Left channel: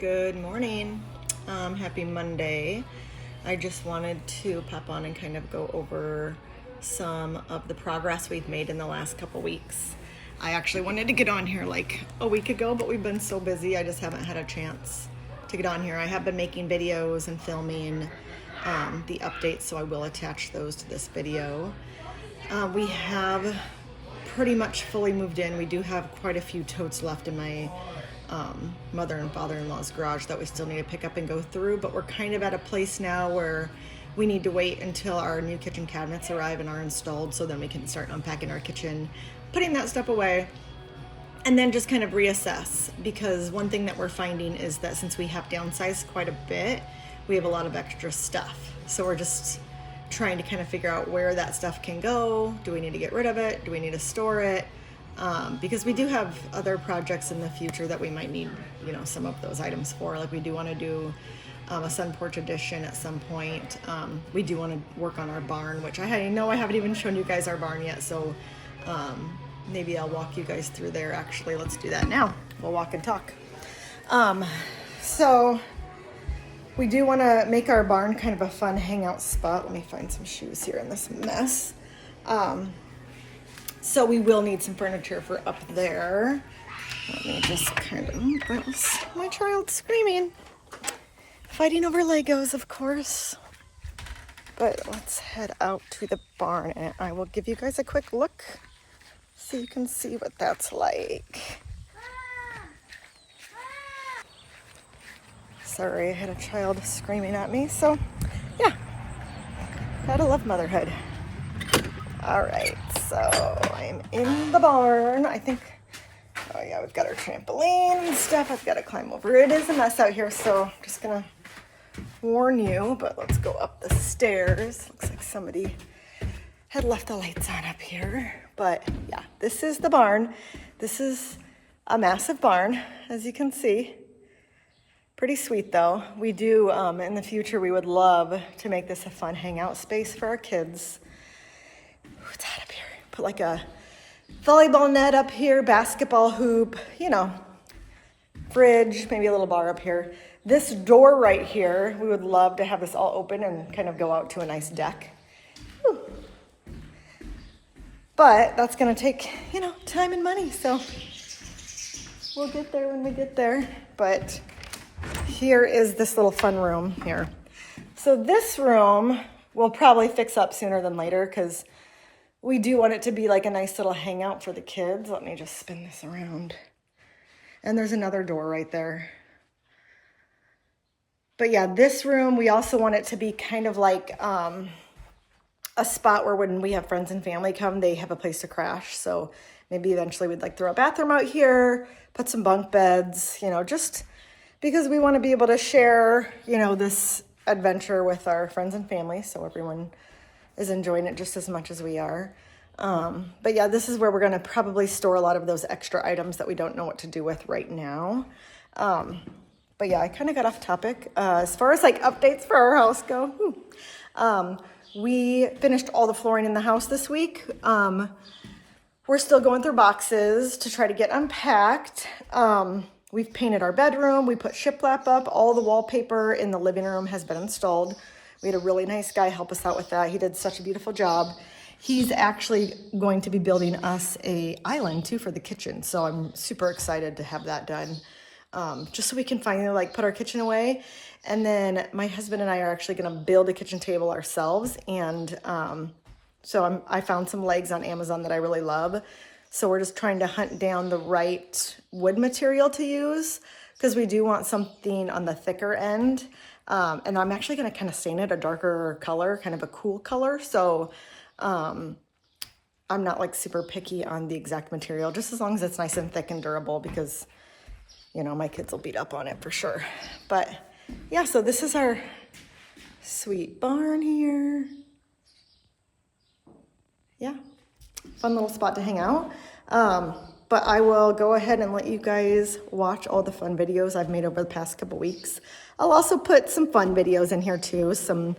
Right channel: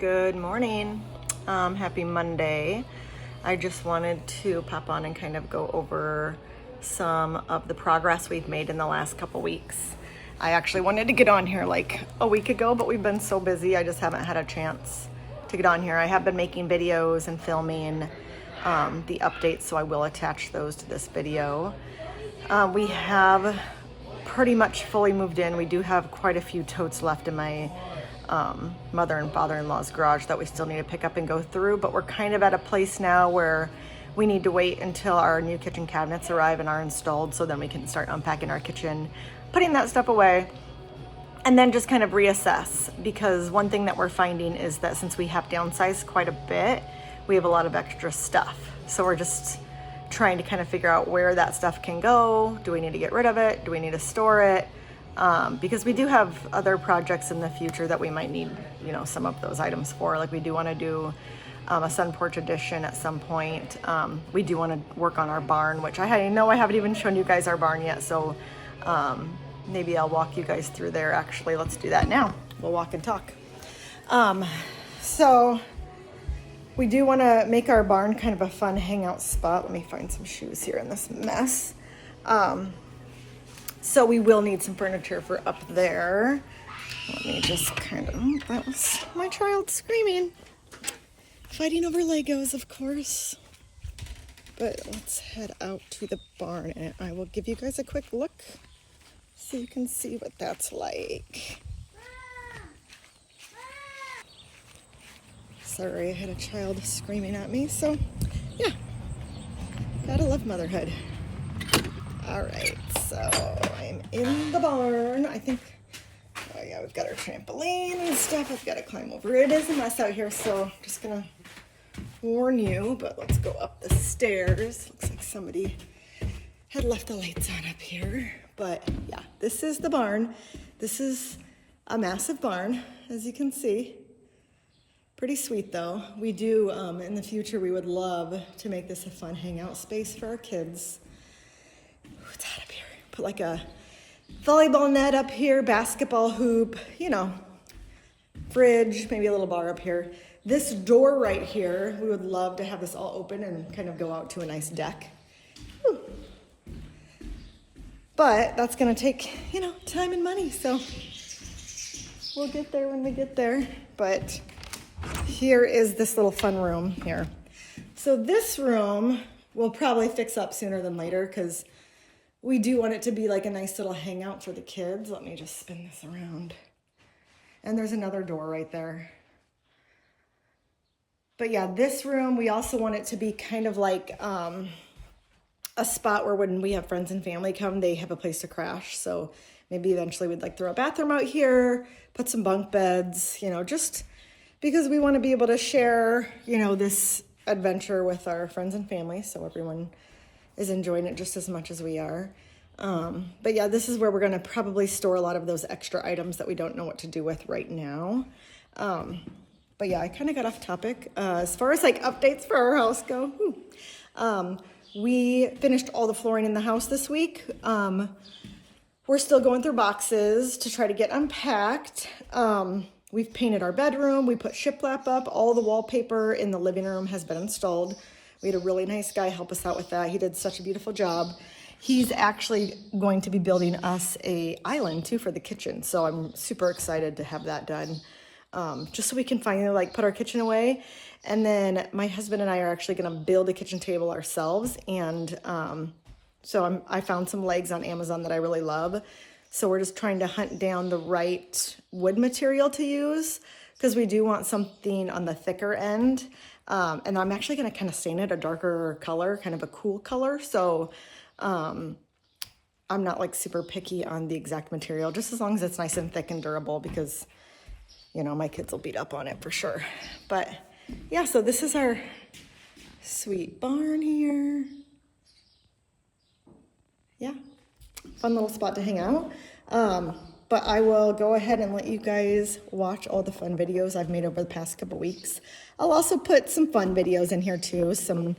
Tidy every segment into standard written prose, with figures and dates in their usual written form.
Good morning. Happy Monday. I just wanted to pop on and kind of go over some of the progress we've made in the last couple weeks. I actually wanted to get on here like a week ago, but we've been so busy, I just haven't had a chance to get on here. I have been making videos and filming the updates, so I will attach those to this video. We have pretty much fully moved in. We do have quite a few totes left in my mother and father-in-law's garage that we still need to pick up and go through, but we're kind of at a place now where we need to wait until our new kitchen cabinets arrive and are installed, so then we can start unpacking our kitchen, putting that stuff away, and then just kind of reassess. Because one thing that we're finding is that since we have downsized quite a bit, we have a lot of extra stuff, so we're just trying to kind of figure out where that stuff can go. Do we need to get rid of it? Do we need to store it? Because we do have other projects in the future that we might need, some of those items for. Like we do want to do a sun porch addition at some point. We do want to work on our barn, which I know I haven't even shown you guys our barn yet. So maybe I'll walk you guys through there. Actually, let's do that now. We'll walk and talk. So we do want to make our barn kind of a fun hangout spot. Let me find some shoes here in this mess. So we will need some furniture for up there. Let me just that was my child screaming. Fighting over Legos, of course. But let's head out to the barn and I will give you guys a quick look so you can see what that's like. Sorry, I had a child screaming at me. So yeah, gotta love motherhood. All right, so I'm in the barn. I think, oh yeah, we've got our trampoline and stuff. I've got to climb over. It is a mess out here, so just gonna warn you, but let's go up the stairs. Looks like somebody had left the lights on up here. But yeah, this is the barn. This is a massive barn, as you can see. Pretty sweet though. We do, in the future, we would love to make this a fun hangout space for our kids. What's that up here? Put like a volleyball net up here, basketball hoop, fridge, maybe a little bar up here. This door right here, we would love to have this all open and kind of go out to a nice deck. Whew. But that's gonna take, time and money. So we'll get there when we get there. But here is this little fun room here. So this room we'll probably fix up sooner than later because we do want it to be like a nice little hangout for the kids. Let me just spin this around. And there's another door right there. But yeah, this room, we also want it to be kind of like a spot where when we have friends and family come, they have a place to crash. So maybe eventually we'd like throw a bathroom out here, put some bunk beds, just because we want to be able to share, this adventure with our friends and family. So everyone is enjoying it just as much as we are. But yeah, this is where we're going to probably store a lot of those extra items that we don't know what to do with right now. But yeah, I kind of got off topic. As far as like updates for our house go, we finished all the flooring in the house this week. We're still going through boxes to try to get unpacked. We've painted our bedroom. We put shiplap up. All the wallpaper in the living room has been installed. We had a really nice guy help us out with that. He did such a beautiful job. He's actually going to be building us a island too for the kitchen. So I'm super excited to have that done. Just so we can finally put our kitchen away. And then my husband and I are actually going to build a kitchen table ourselves. And so I found some legs on Amazon that I really love. So we're just trying to hunt down the right wood material to use because we do want something on the thicker end. And I'm actually going to kind of stain it a darker color, kind of a cool color. So I'm not super picky on the exact material, just as long as it's nice and thick and durable because, my kids will beat up on it for sure. But yeah, so this is our sweet barn here. Yeah, fun little spot to hang out. But I will go ahead and let you guys watch all the fun videos I've made over the past couple weeks. I'll also put some fun videos in here too, some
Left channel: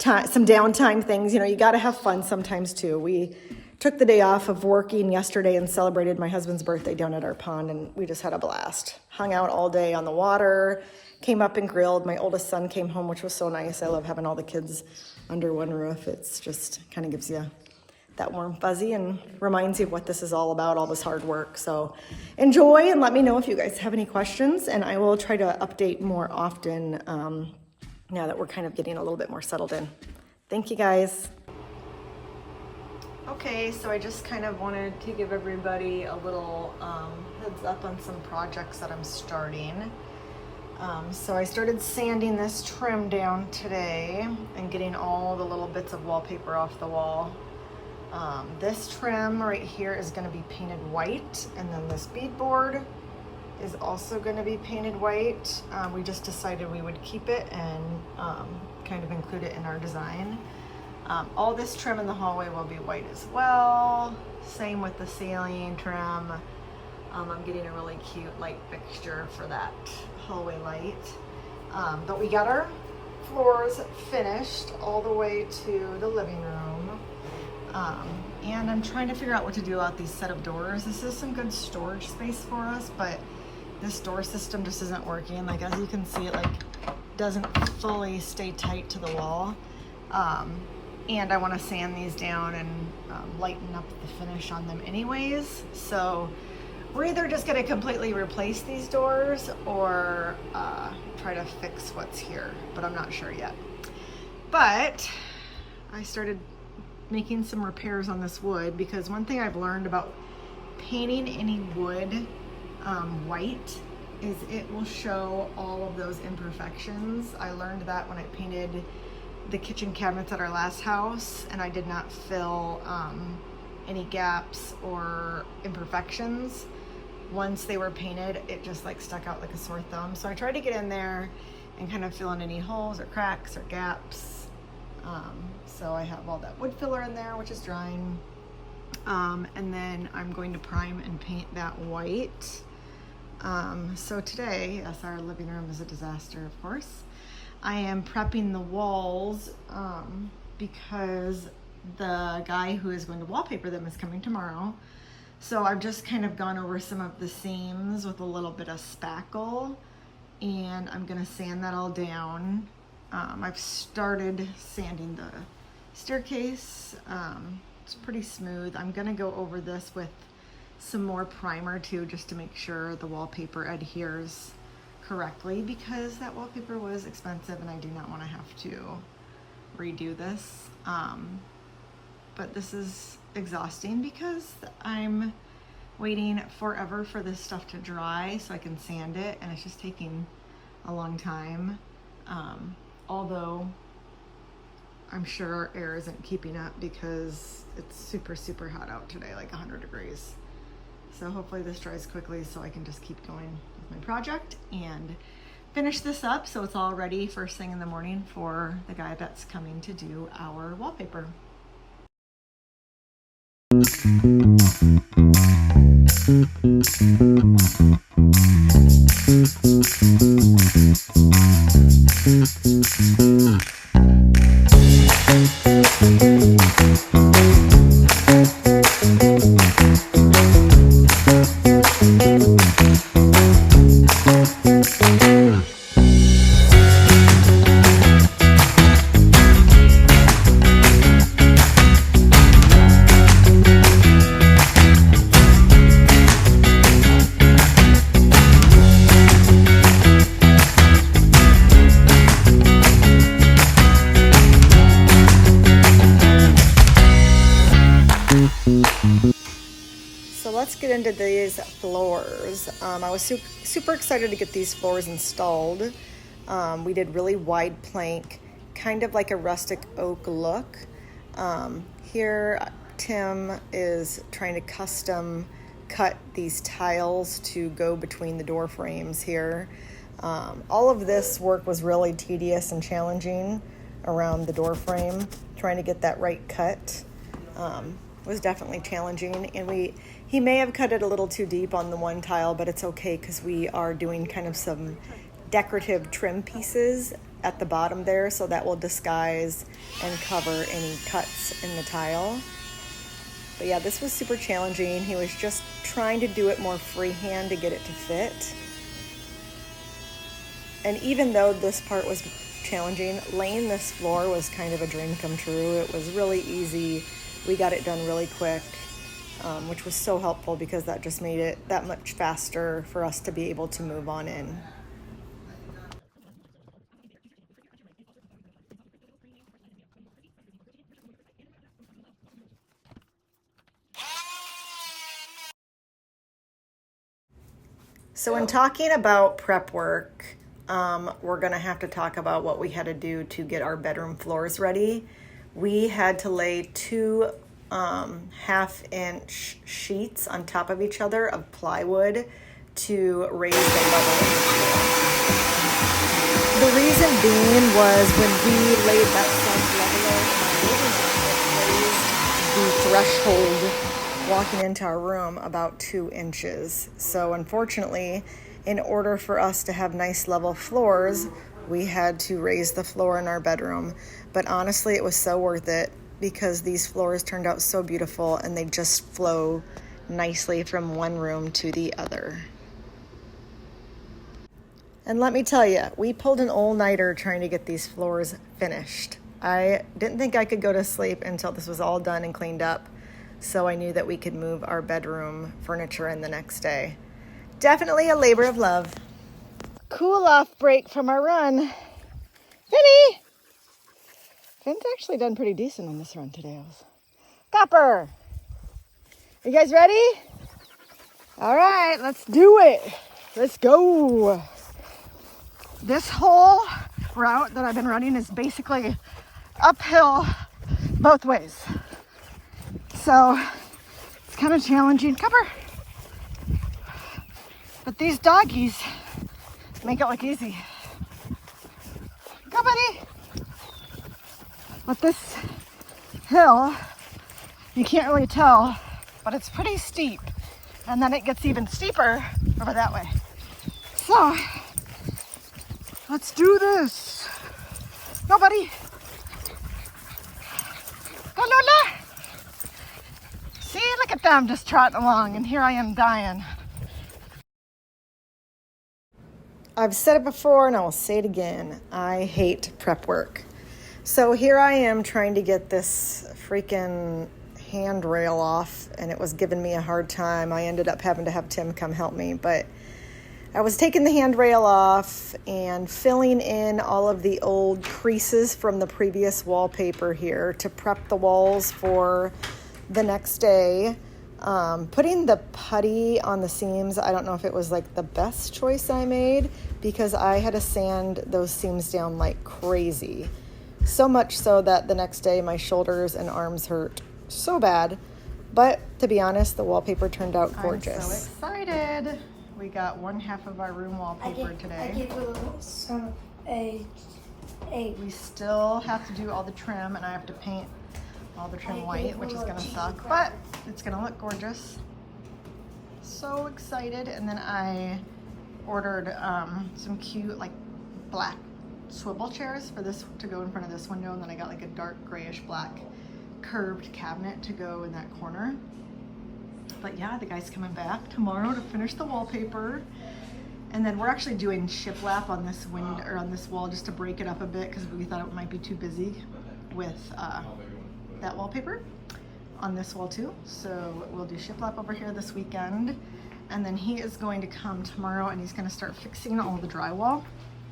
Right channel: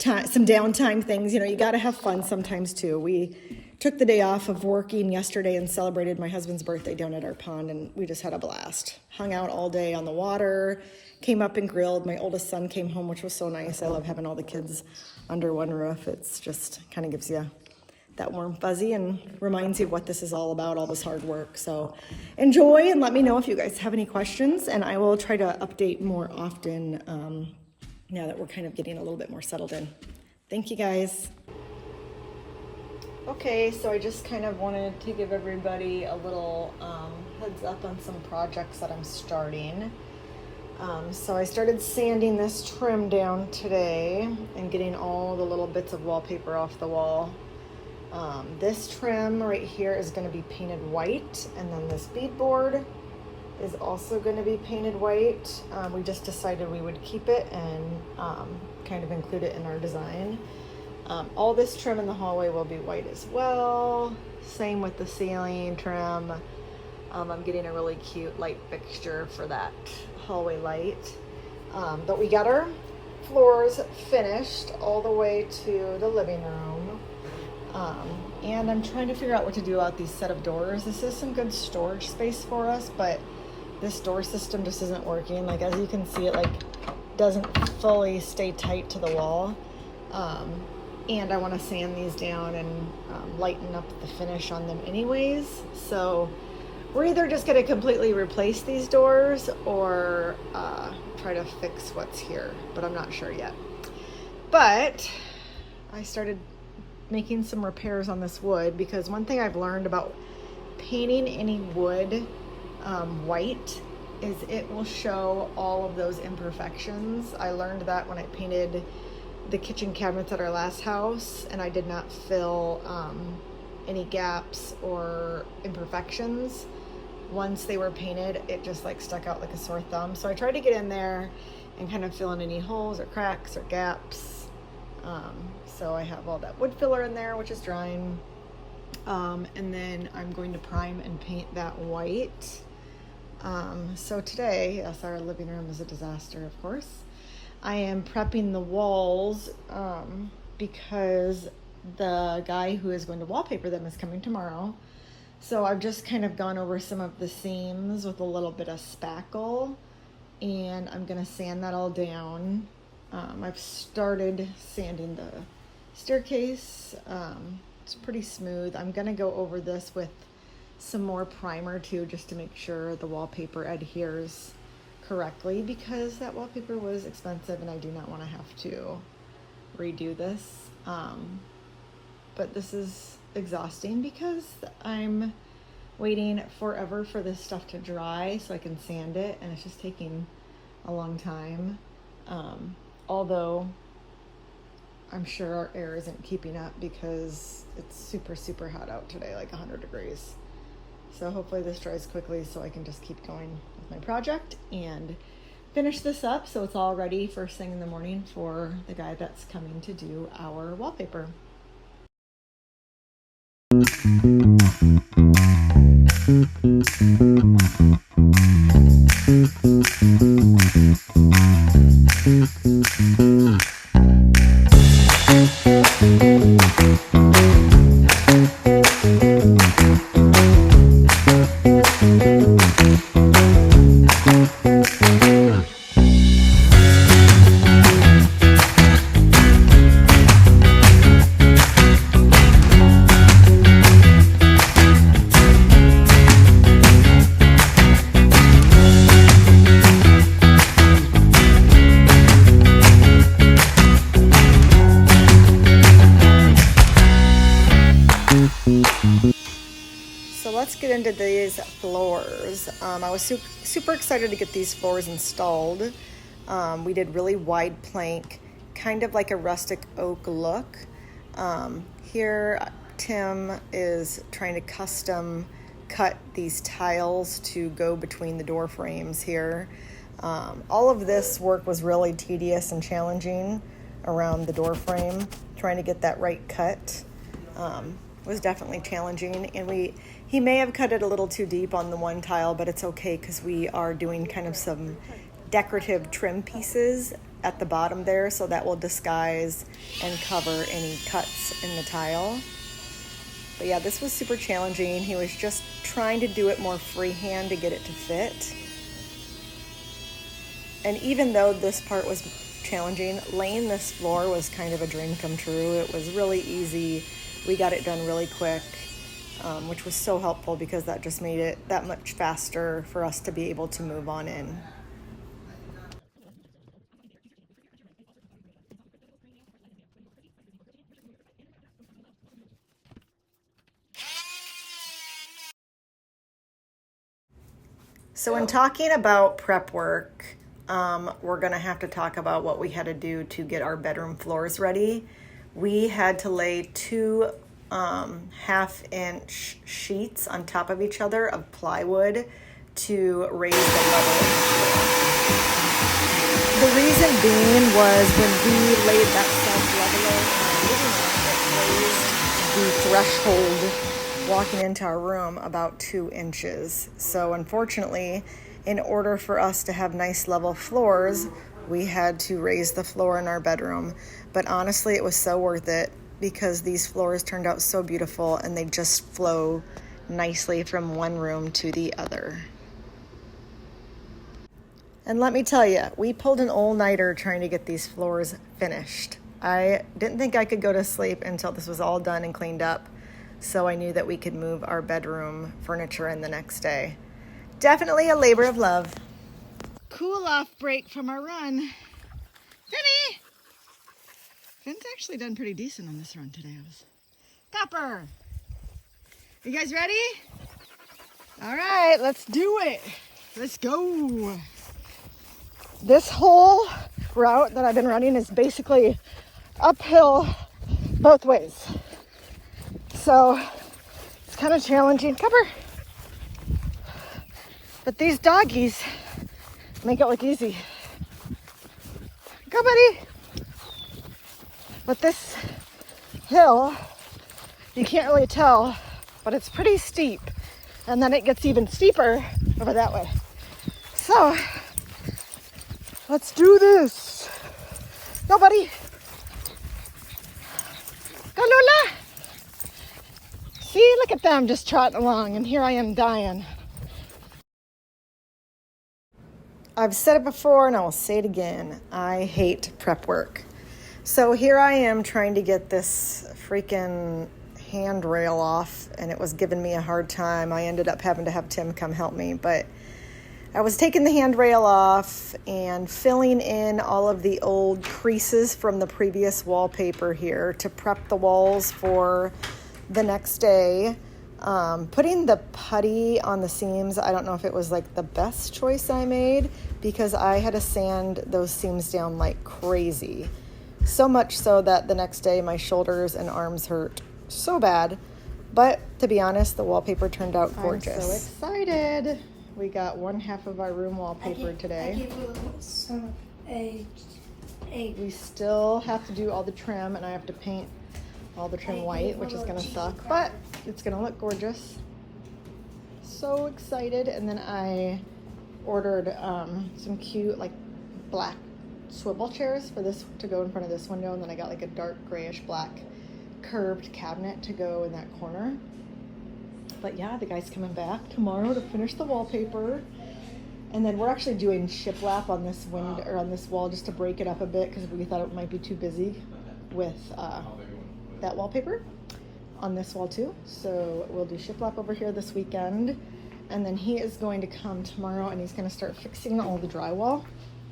some downtime things. You know, you got to have fun sometimes too. We took the day off of working yesterday and celebrated my husband's birthday down at our pond, and we just had a blast. Hung out all day on the water, came up and grilled. My oldest son came home, which was so nice. I love having all the kids under one roof. It's just kind of gives you that warm fuzzy and reminds you of what this is all about, all this hard work. So enjoy, and let me know if you guys have any questions, and I will try to update more often now that we're kind of getting a little bit more settled in. Thank you guys. Okay, so I just kind of wanted to give everybody a little heads up on some projects that I'm starting. So I started sanding this trim down today and getting all the little bits of wallpaper off the wall. This trim right here is going to be painted white, and then this beadboard is also going to be painted white. We just decided we would keep it and kind of include it in our design. All this trim in the hallway will be white as well. Same with the ceiling trim. I'm getting a really cute light fixture for that hallway light. But we got our floors finished all the way to the living room. And I'm trying to figure out what to do about these set of doors. This is some good storage space for us, but this door system just isn't working. Like, as you can see, it like doesn't fully stay tight to the wall. And I want to sand these down and lighten up the finish on them anyways. So we're either just going to completely replace these doors or try to fix what's here, but I'm not sure yet. But I started making some repairs on this wood, because one thing I've learned about painting any wood white is it will show all of those imperfections. I learned that when I painted the kitchen cabinets at our last house, and I did not fill any gaps or imperfections. Once they were painted, it just like stuck out like a sore thumb. So I tried to get in there and kind of fill in any holes or cracks or gaps. So I have all that wood filler in there, which is drying. And then I'm going to prime and paint that white. So today, yes, our living room is a disaster, of course. I am prepping the walls because the guy who is going to wallpaper them is coming tomorrow. So I've just kind of gone over some of the seams with a little bit of spackle, and I'm gonna sand that all down. I've started sanding the staircase. It's pretty smooth. I'm gonna go over this with some more primer too, just to make sure the wallpaper adheres correctly, because that wallpaper was expensive and I do not want to have to redo this. But this is exhausting because I'm waiting forever for this stuff to dry so I can sand it, and it's just taking a long time. Although I'm sure our air isn't keeping up because it's super, super hot out today, like 100 degrees. So hopefully this dries quickly so I can just keep going with my project and finish this up so it's all ready first thing in the morning for the guy that's coming to do our wallpaper. Let's get into these floors. I was super excited to get these floors installed. We did really wide plank, kind of like a rustic oak look. Here, Tim is trying to custom cut these tiles to go between the door frames here. All of this work was really tedious and challenging around the door frame. Trying to get that right cut was definitely challenging, and he may have cut it a little too deep on the one tile, but it's okay because we are doing kind of some decorative trim pieces at the bottom there, so that will disguise and cover any cuts in the tile. But yeah, this was super challenging. He was just trying to do it more freehand to get it to fit. And even though this part was challenging, laying this floor was kind of a dream come true. It was really easy. We got it done really quick, which was so helpful because that just made it that much faster for us to be able to move on in. So in talking about prep work, we're gonna have to talk about what we had to do to get our bedroom floors ready. We had to lay 2 half-inch sheets on top of each other of plywood to raise the level of the floor. The reason being was when we laid that sub leveler in our living room, it raised the threshold walking into our room about 2 inches. So unfortunately, in order for us to have nice level floors, we had to raise the floor in our bedroom. But honestly, it was so worth it because these floors turned out so beautiful and they just flow nicely from one room to the other. And let me tell you, we pulled an all-nighter trying to get these floors finished. I didn't think I could go to sleep until this was all done and cleaned up. So I knew that we could move our bedroom furniture in the next day. Definitely a labor of love. Cool off break from our run. Finny! Finn's actually done pretty decent in this run today. Copper! Are you guys ready? All right, let's do it. Let's go. This whole route that I've been running is basically uphill both ways. So it's kind of challenging. Copper. But these doggies make it look easy. Go, buddy. But this hill, you can't really tell, but it's pretty steep. And then it gets even steeper over that way. So let's do this. Go, buddy. Go, Lola. See, look at them just trotting along, and here I am dying. I've said it before, and I will say it again. I hate prep work. So here I am trying to get this freaking handrail off, and it was giving me a hard time. I ended up having to have Tim come help me, but I was taking the handrail off and filling in all of the old creases from the previous wallpaper here to prep the walls for the next day. Putting the putty on the seams, I don't know if it was like the best choice I made because I had to sand those seams down like crazy. So much so that the next day my shoulders and arms hurt so bad. But to be honest, the wallpaper turned out gorgeous. I'm so excited. We got one half of our room wallpaper today. I give some a. We still have to do all the trim, and I have to paint all the trim white, which is gonna suck, but it's gonna look gorgeous. So excited. And then I ordered some cute like black swivel chairs for this to go in front of this window, and then I got like a dark grayish black curved cabinet to go in that corner. But yeah, the guy's coming back tomorrow to finish the wallpaper. And then we're actually doing shiplap on this window or on this wall just to break it up a bit because we thought it might be too busy with that wallpaper on this wall too. So we'll do shiplap over here this weekend. And then he is going to come tomorrow and he's going to start fixing all the drywall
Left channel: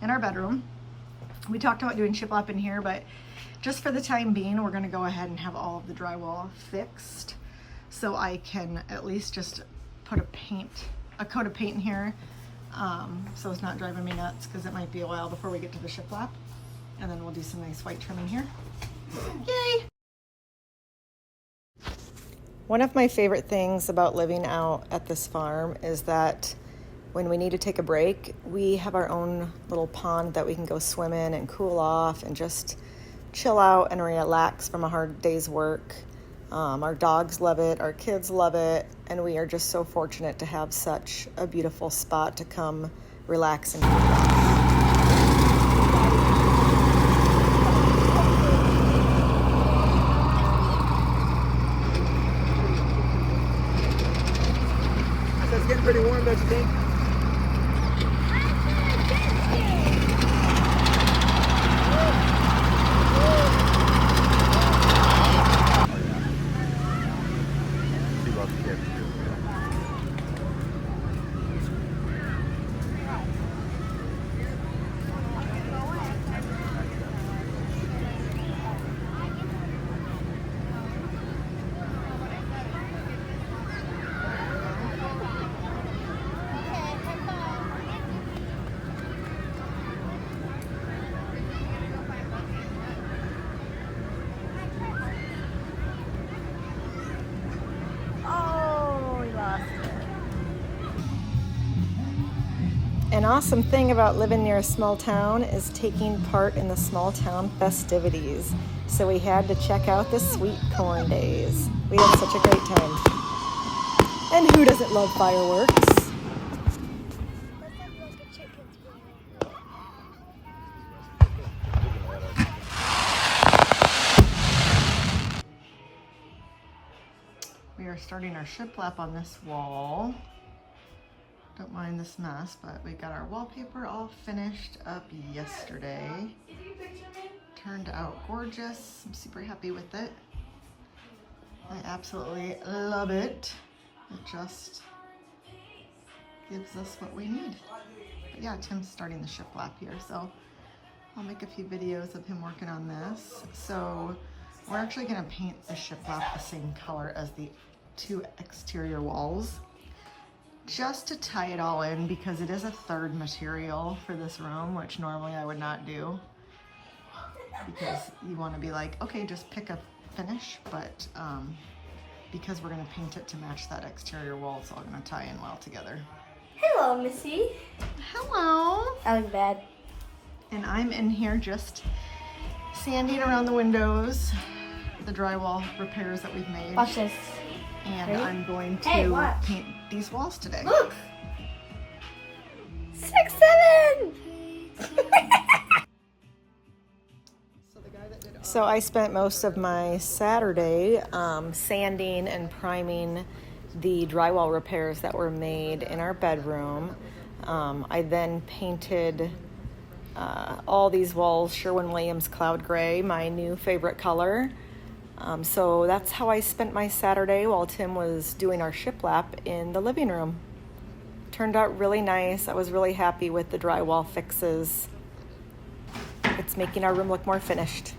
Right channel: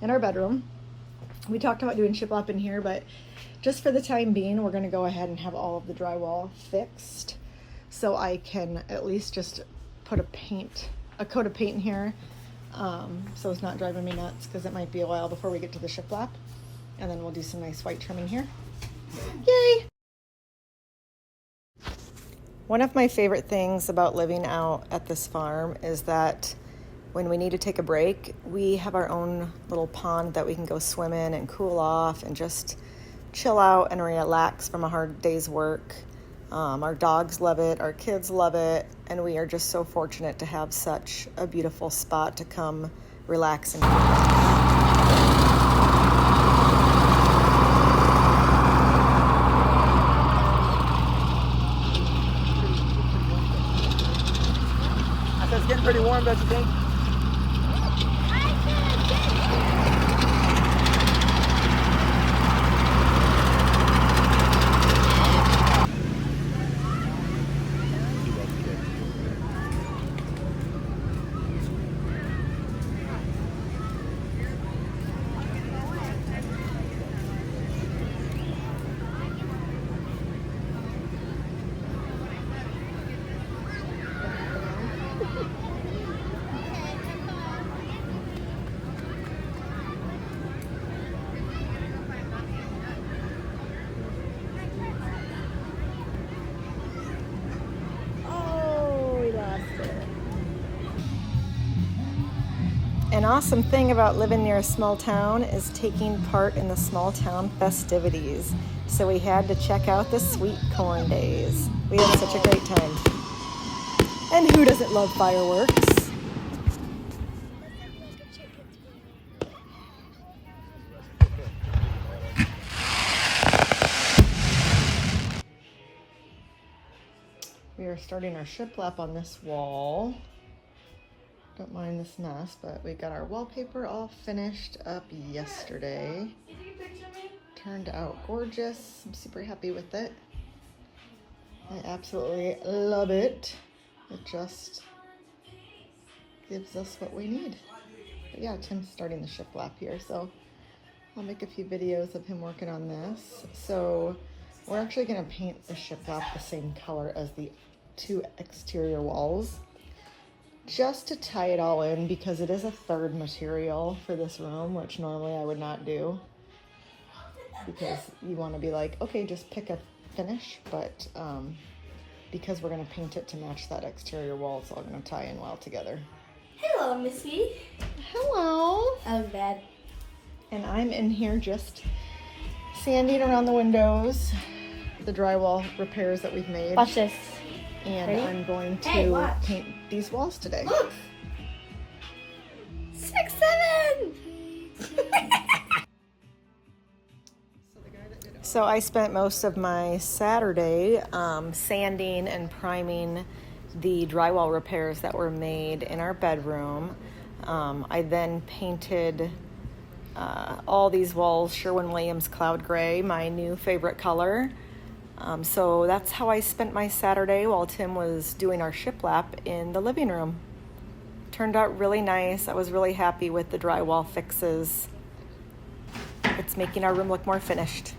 in our bedroom. We talked about doing shiplap in here, but just for the time being, we're going to go ahead and have all of the drywall fixed so I can at least just put a coat of paint in here, so it's not driving me nuts because it might be a while before we get to the shiplap. And then we'll do some nice white trim in here. Yay! One of my favorite things about living out at this farm is that when we need to take a break, we have our own little pond that we can go swim in and cool off and just chill out and relax from a hard day's work. Our dogs love it, our kids love it, and we are just so fortunate to have such a beautiful spot to come relax and cool off. An awesome thing about living near a small town is taking part in the small town festivities. So we had to check out the sweet corn days. We had such a great time. And who doesn't love fireworks? We are starting our shiplap on this wall. Don't mind this mess, but we got our wallpaper all finished up yesterday. Turned out gorgeous. I'm super happy with it. I absolutely love it. It just gives us what we need. But yeah, Tim's starting the shiplap here, so I'll make a few videos of him working on this. So we're actually gonna paint the shiplap the same color as the 2 exterior walls, just to tie it all in, because it is a third material for this room, which normally I would not do, because you want to be like, okay, just pick a finish, but because we're going to paint it to match that exterior wall, it's all going to tie in well together. Hello, Missy. Hello. I look bad. And I'm in here just sanding around the windows, the drywall repairs that we've made. Watch this. And Ready? I'm going to Hey, watch. paint these walls today. Look. 6, 7. So I spent most of my Saturday sanding and priming the drywall repairs that were made in our bedroom. I then painted all these walls Sherwin-Williams Cloud Gray, my new favorite color. So that's how I spent my Saturday while Tim was doing our shiplap in the living room. Turned out really nice. I was really happy with the drywall fixes. It's making our room look more finished.